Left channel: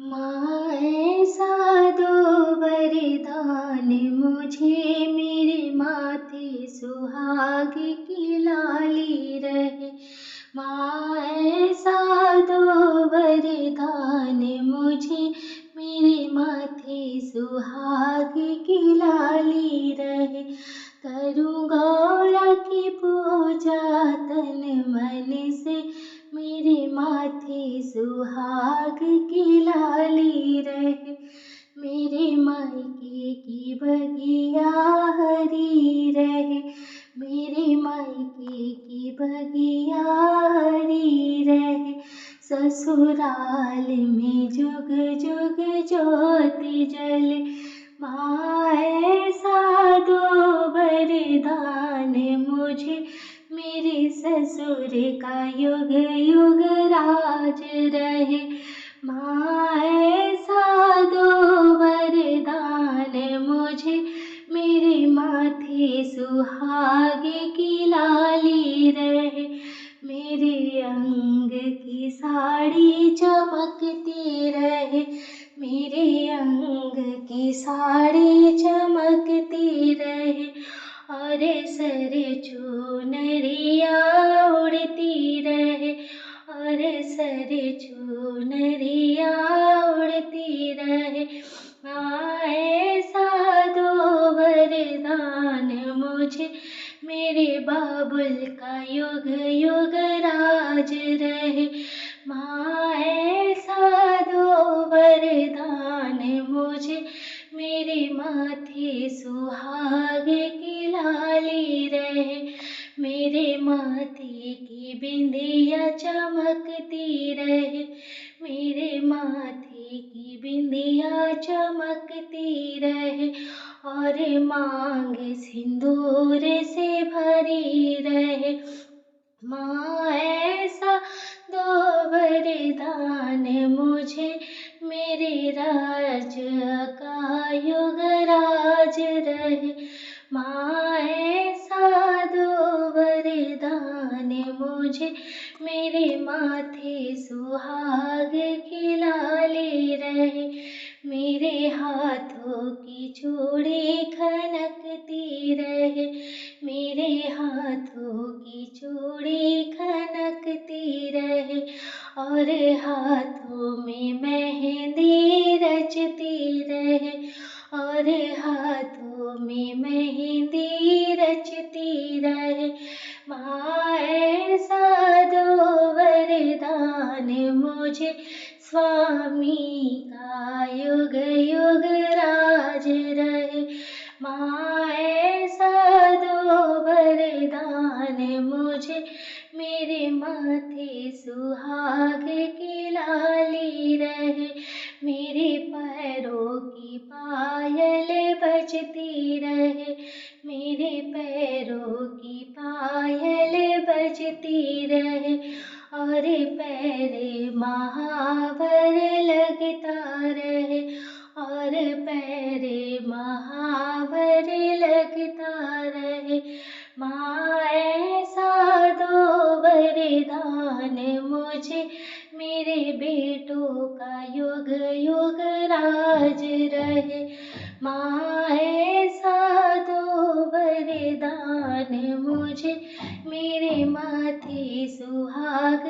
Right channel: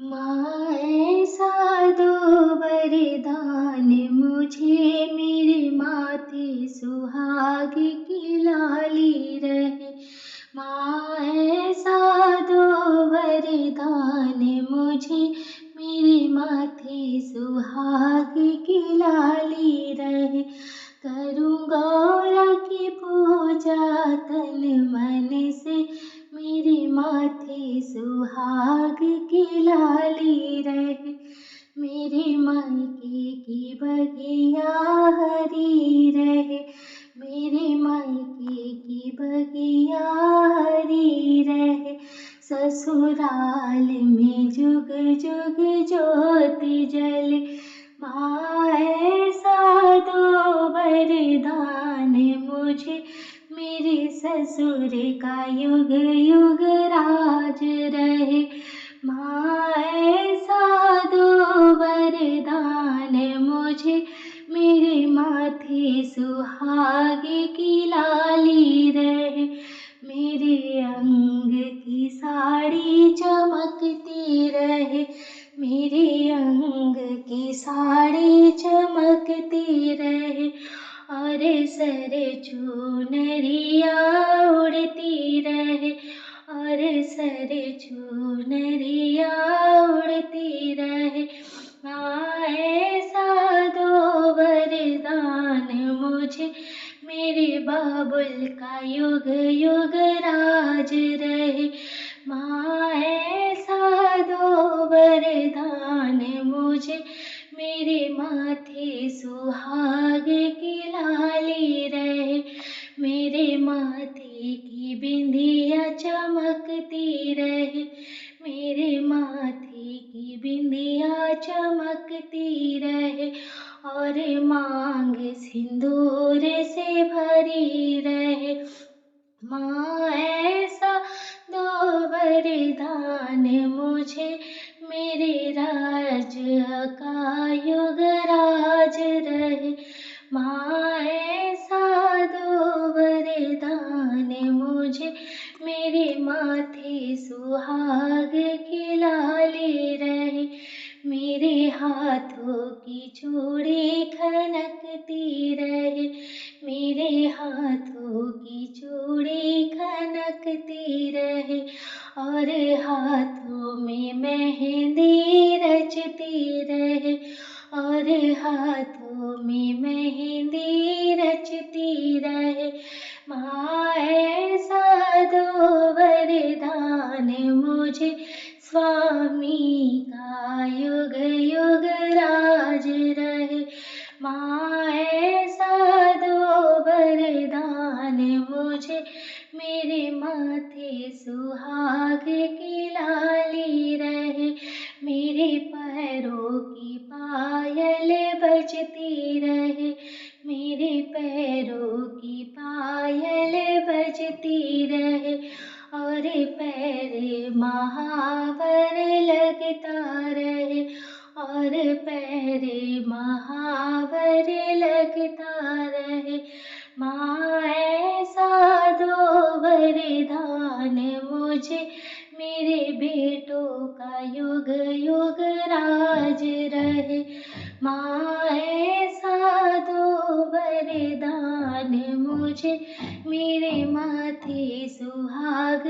माँ ऐसा दो वरदान मुझे, मेरे माथे सुहाग की लाली रहे। माँ ऐसा दो वरदान मुझे, मेरे माथे सुहाग की लाली रहे। करूँ गौरा की पूजा तन मन से, मेरे माथे सुहाग की लाली रहे। मेरे मायके की बगिया हरी रहे, मेरे मायके की बगिया हरी रहे। ससुराल में जुग जुग ज्योति जले। माँ ऐसा दो वरदान मुझे, मेरे ससुर का युग युग राज रहे। माँ ऐसा दो वरदान मुझे, मेरे माथे सुहाग की लाली रहे। मेरे अंग की साड़ी चमकती रहे, मेरे अंग की साड़ी चमकती रहे। और सर चुनरिया उड़ती रहे, और सर चुनरिया उड़ती रहे। ऐसा दो वरदान मुझे, मेरे बाबुल का युग युग राज रहे। माँ ऐसा दो वरदान मुझे, मेरे माथे सुहाग की लाली रहे। मेरे माथे की बिंदिया चमकती रहे, मेरे माथे की बिंदिया चमकती रहे। और मांग सिंदूर से भरी रहे। माँ ऐसा दो वरदान मुझे, मेरे राज का युग राज रहे। माँ ऐसा दो वरदान मुझे, मेरे माथे सुहाग की लाली रहे। मेरे हाथों की चूड़ी खनकती रहे, मेरे हाथों की चूड़ी खनकती रहे। और हाथों में मेहंदी रचती रहे, और हाथों में मेहंदी रचती रहे। माँ ऐसा दो वरदान मुझे, स्वामी का युग युग राज रहे। माँ ऐसा दो वरदान मुझे, मेरे माथे सुहाग की लाली रहे। मेरे पैरों की पायल बजती रहे, मेरे पैरों की पायल बजती रहे। और पैर महावर लगता रहे, और पैर महावर लगता रहे। माँ ऐसा दो वरदान मुझे, मेरे बेटों का युग युग राज रहे। माँ ऐसा दो वरदान मुझे, मेरे माथे सुहाग